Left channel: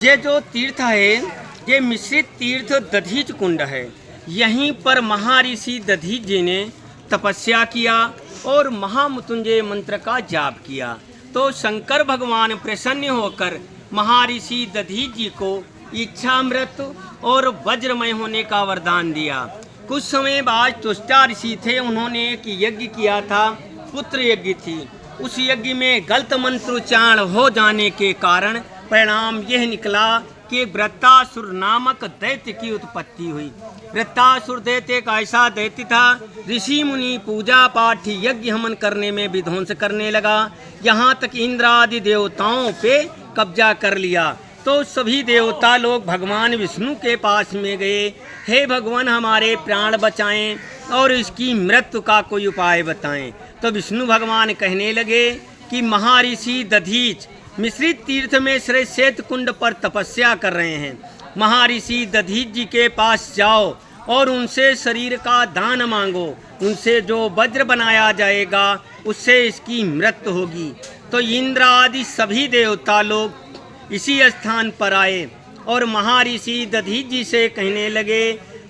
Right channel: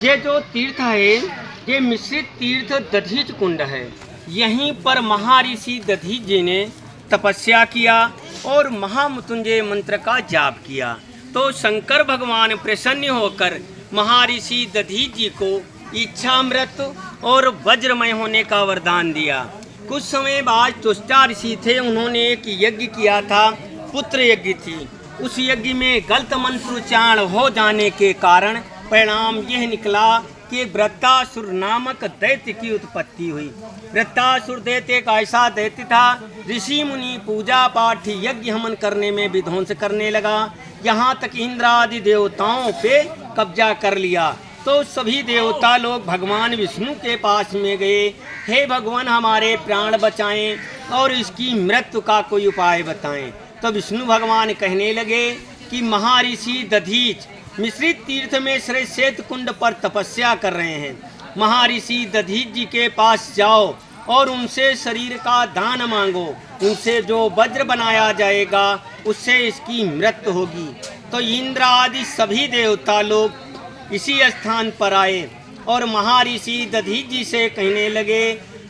ये जो तीर्थ है ये मिश्रित तीर्थ दधीच कुंड है। यहीं पर महर्षि दधीच जी ने तपस्या किया और महामृत्युंजय मंत्र का जाप किया तो शंकर भगवान प्रसन्न होकर महर्षि दधीच जी को इच्छामृत और वज्रमय होने का वरदान दिया। कुछ समय बाद चुष्टा ऋषि थे, उन्होंने एक यज्ञ किया था, पुत्र यज्ञ थी। उस यज्ञ में गलत मंत्रोच्चारण हो जाने के कारण परिणाम यह निकला कि वृत्तासुर नामक दैत्य की उत्पत्ति हुई। वृत्तासुर दैत्य एक ऐसा दैत्य था, ऋषि मुनि पूजा पाठ यज्ञ हवन करने में विध्वंस करने लगा। यहाँ तक इंद्र आदि देवताओं पे कब्जा कर लिया तो सभी देवता लोग भगवान विष्णु के पास में गए, हे भगवान हमारे प्राण बचाएं और इसकी मृत्यु का कोई उपाय बताएं। तो विष्णु भगवान कहने लगे कि महर्षि दधीच मिश्रित तीर्थ में श्वेत कुंड पर तपस्या कर रहे हैं। महर्षि दधीच जी के पास जाओ और उनसे शरीर का दान मांगो, उनसे जो वज्र बनाया जाएगा उससे इसकी मृत्यु होगी। तो इंद्र आदि सभी देवता लोग इसी स्थान पर आए और महर्षि दधीच जी से कहने लगे,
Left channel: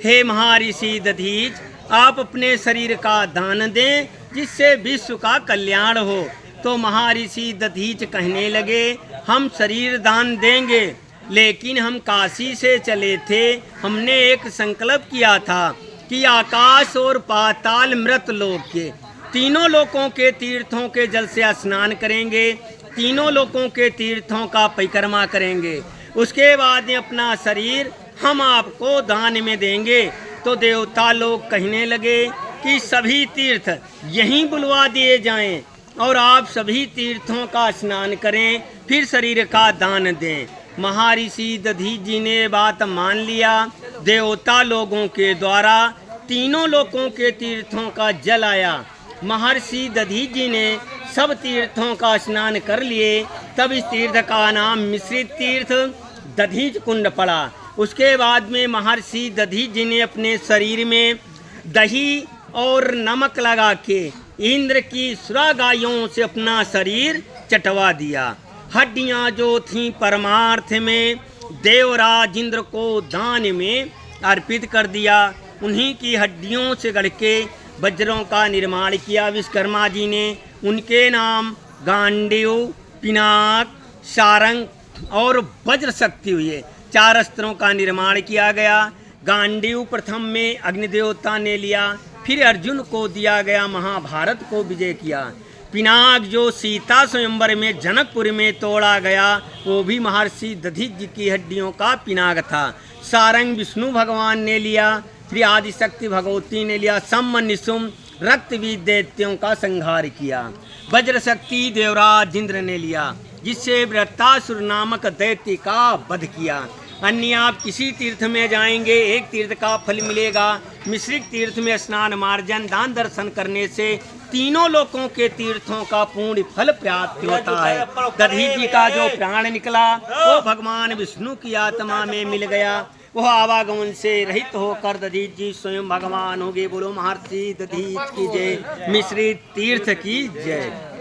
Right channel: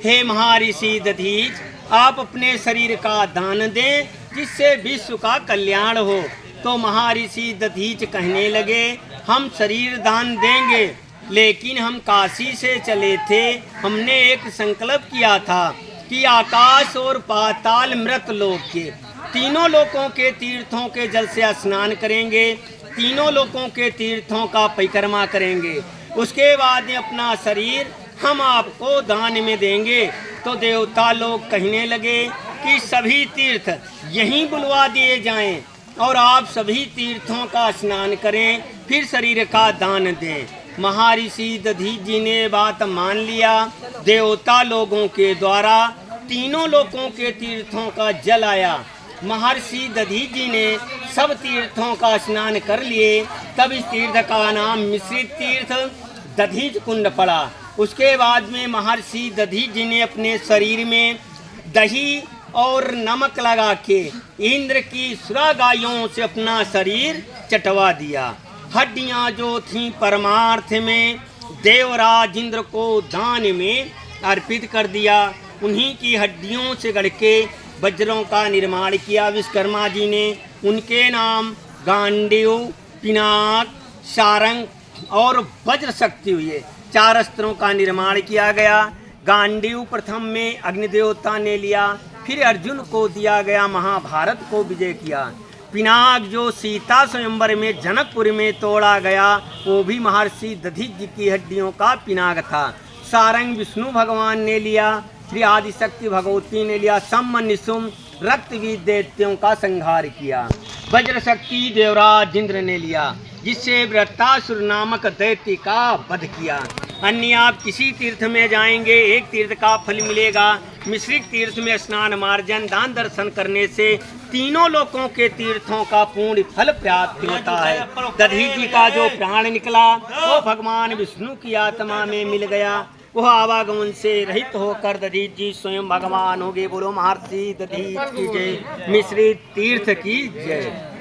हे महर्षि दधीच, आप अपने शरीर का दान दें जिससे विश्व का कल्याण हो। तो महर्षि दधीच कहने लगे, हम शरीर दान देंगे, लेकिन हम काशी से चले थे, हमने एक संकल्प किया था कि आकाश और पाताल मृत लोक के तीनों लोकों के तीर्थों के जल से स्नान करेंगे, तीनों लोकों के तीर्थों का परिक्रमा करेंगे, उसके बाद में अपना शरीर हम आपको दान में देंगे। तो देवता लोग कहने लगे कि सभी तीर्थ यहीं बुलवा दिए जाएं और आप सभी तीर्थों का स्नान करें, फिर शरीर का दान दें। महर्षि दधीच जी ने बात मान लिया। देवता लोगों के द्वारा तीनों लोकों के तीर्थों का जल आया। महर्षि दधीच जी ने सब तीर्थों का स्नान कर लिए। तब इस तीर्थ का नाम मिश्रित तीर्थ दधीच कुंड पड़ा। उसके बाद में महर्षि दधीच जी ने अपने शरीर में दही और नमक लगा के इंद्र की सुरा गायों से अपना शरीर चटवा दिया। हड्डियां जो थीं परमार्थ में देवराज इंद्र को दान में अर्पित कर दिया। उन्हीं की हड्डियों से गढ़ के वज्रों का निर्माण किया विश्वकर्मा जी ने। उनके नाम गांडीव, पिनाक, सारंग और वज्र शक्ति हुए। 4 अस्त्रों का निर्माण किया गया। गांडीव प्रथम में अग्निदेवता ने लिया, फिर अर्जुन को दिया गया, महाभारत को विजय किया। पिनाक जो सीता स्वयंवर में जनकपुर में तोड़ा गया, वो भी महर्षि दधीच जी की हड्डियों का पिनाक था। सारंग विष्णु भगवान ने लिया, फिर आदिशक्ति भगवती ने लिया। सम निशुम रक्तवीर दैत्यों का संहार किया। वज्र शक्ति देवराज इंद्र ने लिया, जिससे वृत्तासुर नामक दैत्य का वध किया। अन्य आप किसी तीर्थ में जाएंगे, एक तीर्थ का फल मिलेगा। मिश्रित तीर्थ में स्नान, मार्जन, दान, दर्शन करने से तीनों लोकों के तीर्थों का पूर्ण फल प्राप्त होता है। दधीच जी का जो प्राण निकला वो भगवान विष्णु की आत्मा में मिल गया। वह आवागमन से रहित होकर दधीच जी स्वयं भगवान हो गए। बोलो महर्षि दधीच की जय, मिश्रित तीर्थ की जय।